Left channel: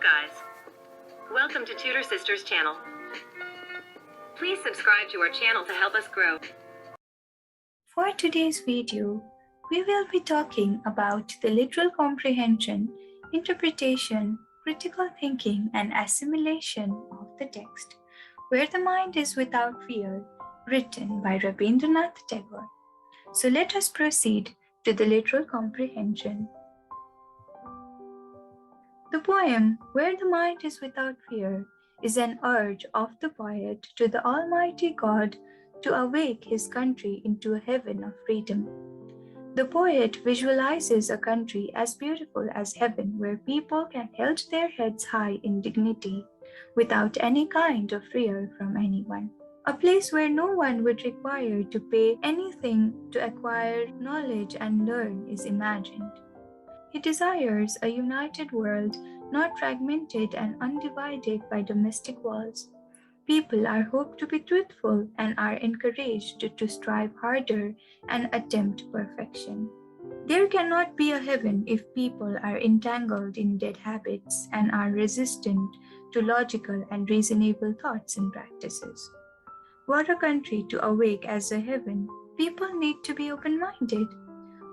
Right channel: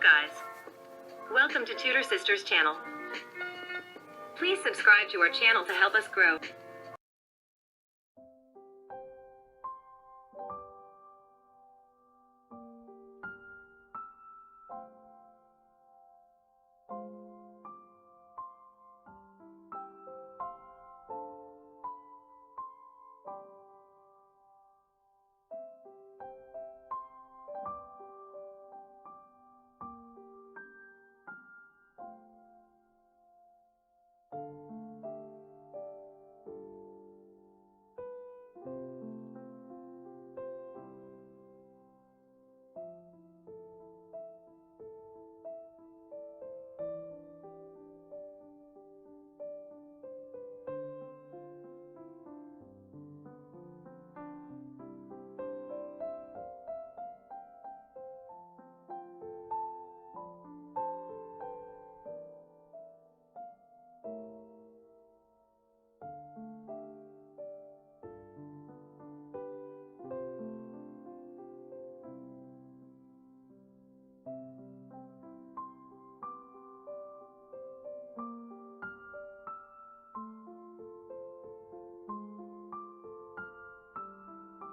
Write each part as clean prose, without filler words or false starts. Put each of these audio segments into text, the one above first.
Hello guys, welcome to Tutor Sisters channel. Please subscribe to our channel to help us grow. For today's video, we will be talking about the literal comprehension, interpretation, critical thinking, and assimilation of the text, Where the Mind is Without Fear, written by Rabindranath Tagore. So let us proceed to the literal comprehension. The poem Where the Mind is Without Fear is an urge of the poet to the Almighty God to awake his country into a heaven of freedom. The poet visualizes a country as beautiful as heaven where people can hold their heads high in dignity without any kind of fear from anyone. A place where no one would require to pay anything to acquire knowledge and learn is imagined. He desires a united world, not fragmented and undivided by domestic walls. People are hoped to be truthful and are encouraged to strive harder and attempt perfection. There cannot be a heaven if people are entangled in dead habits and are resistant to logical and reasonable thoughts and practices. Were a country to awake as a heaven, people need to be open-minded.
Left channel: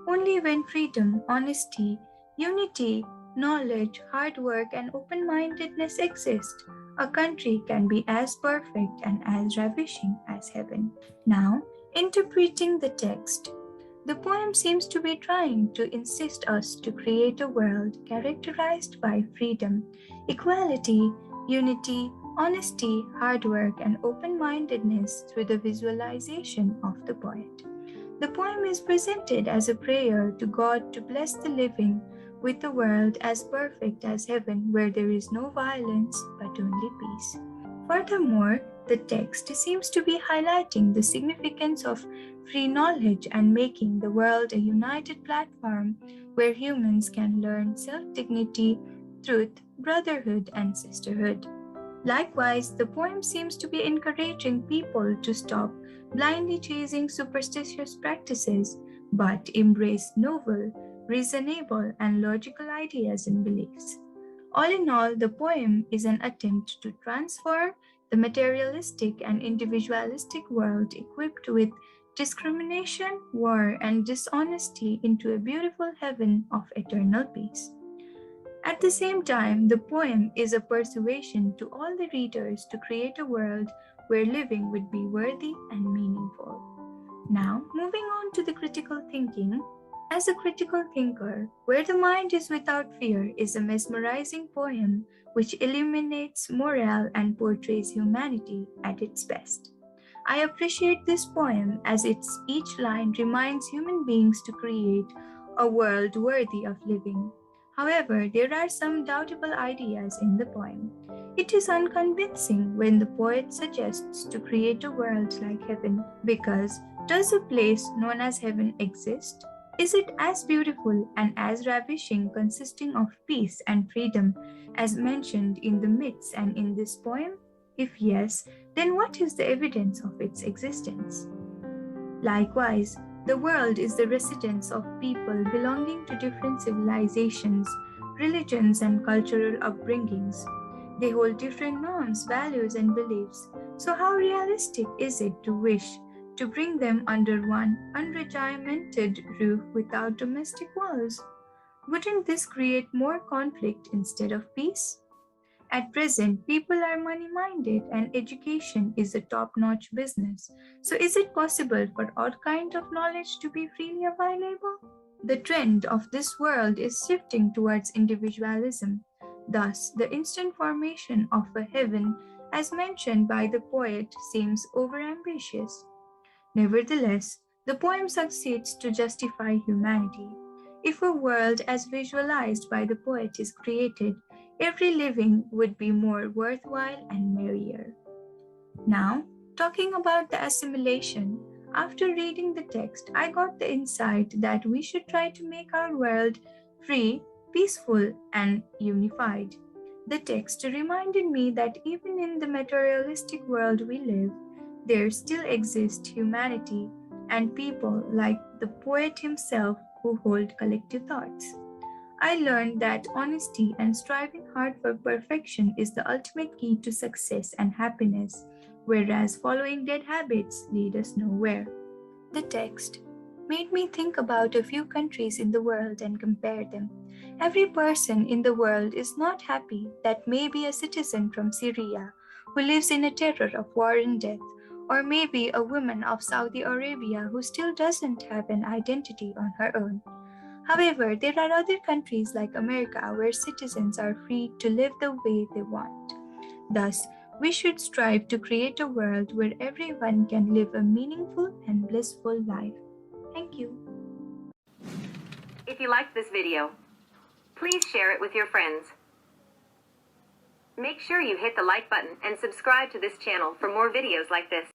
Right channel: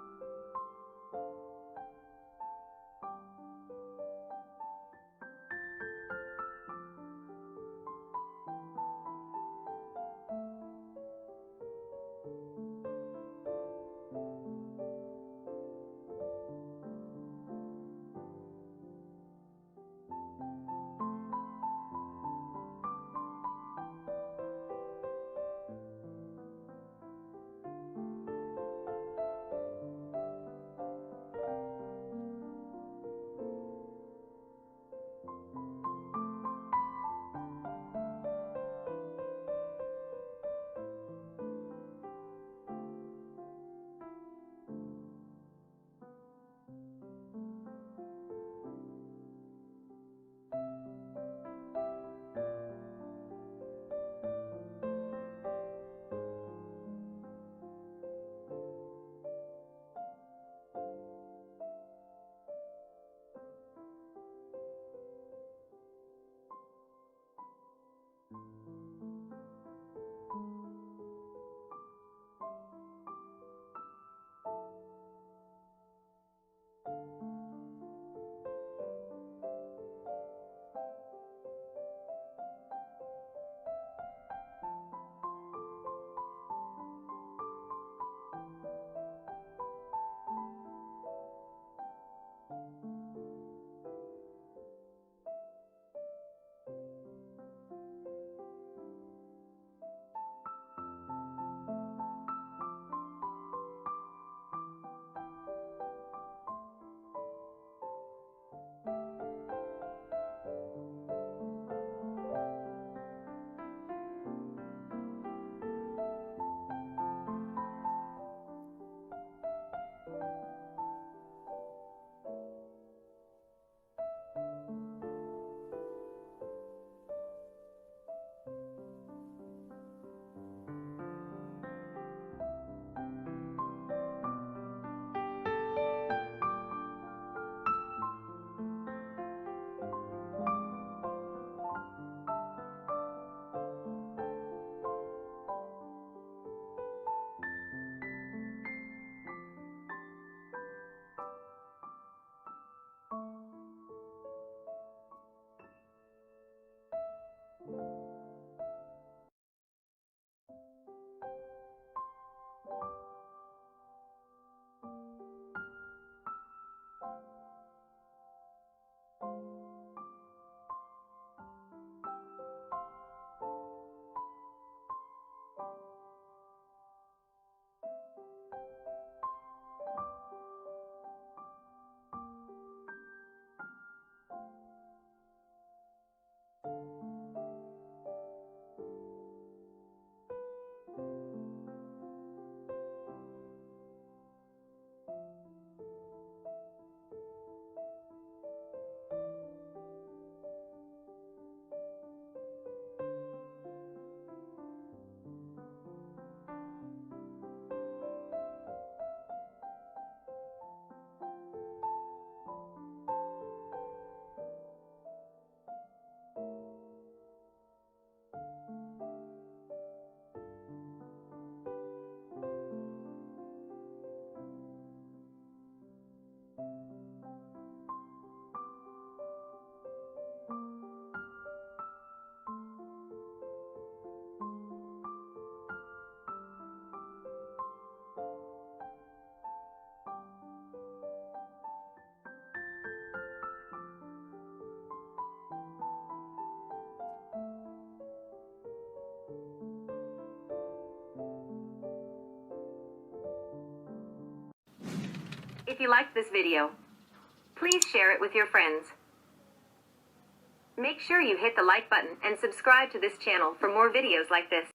Only when freedom, honesty, unity, knowledge, hard work, and open-mindedness exist, a country can be as perfect and as ravishing as heaven. Now, interpreting the text. The poem seems to be trying to insist us to create a world characterized by freedom, equality, unity, honesty, hard work, and open-mindedness through the visualization of the poet. The poem is presented as a prayer to God to bless the living with a world as perfect as heaven where there is no violence but only peace. Furthermore, the text seems to be highlighting the significance of free knowledge and making the world a united platform where humans can learn self-dignity, truth, brotherhood, and sisterhood. Likewise, the poem seems to be encouraging people to stop blindly chasing superstitious practices, but embrace novel, reasonable, and logical ideas and beliefs. All in all, the poem is an attempt to transfer the materialistic and individualistic world equipped with discrimination, war, and dishonesty into a beautiful heaven of eternal peace. At the same time, the poem is a persuasion to all the readers to create a world where living would be worthy and meaningful. Now, moving on to the critical thinking. As a critical thinker, Where the Mind is Without Fear is a mesmerizing poem which illuminates morale and portrays humanity at its best. I appreciate this poem as each line reminds human beings to create a world worthy of living. However, there are some doubtable ideas in the poem. It is unconvincing when the poet suggests to create a world like heaven because does a place known as heaven exist? Is it as beautiful and as ravishing, consisting of peace and freedom as mentioned in the myths and in this poem? If yes, then what is the evidence of its existence? Likewise, the world is the residence of people belonging to different civilizations, religions, and cultural upbringings. They hold different norms, values, and beliefs. So, how realistic is it to wish to bring them under one unregimented roof without domestic walls? Wouldn't this create more conflict instead of peace? At present, people are money minded and education is a top notch business. So, is it possible for all kind of knowledge to be freely available? The trend of this world is shifting towards individualism. Thus, the instant formation of a heaven, as mentioned by the poet, seems overambitious. Nevertheless, the poem succeeds to justify humanity. If a world as visualized by the poet is created, every living would be more worthwhile and merrier. Now, talking about the assimilation, after reading the text, I got the insight that we should try to make our world free, peaceful, and unified. The text reminded me that even in the materialistic world we live, there still exists humanity and people like the poet himself who hold collective thoughts. I learned that honesty and striving hard for perfection is the ultimate key to success and happiness, whereas following dead habits lead us nowhere. The text made me think about a few countries in the world and compare them. Every person in the world is not happy that maybe a citizen from Syria who lives in a terror of war and death, or maybe a woman of Saudi Arabia who still doesn't have an identity on her own. However, there are other countries like America where citizens are free to live the way they want. Thus, we should strive to create a world where everyone can live a meaningful and blissful life. Thank you. If you liked this video, please share it with your friends. Make sure you hit the like button and subscribe to this channel for more videos like this.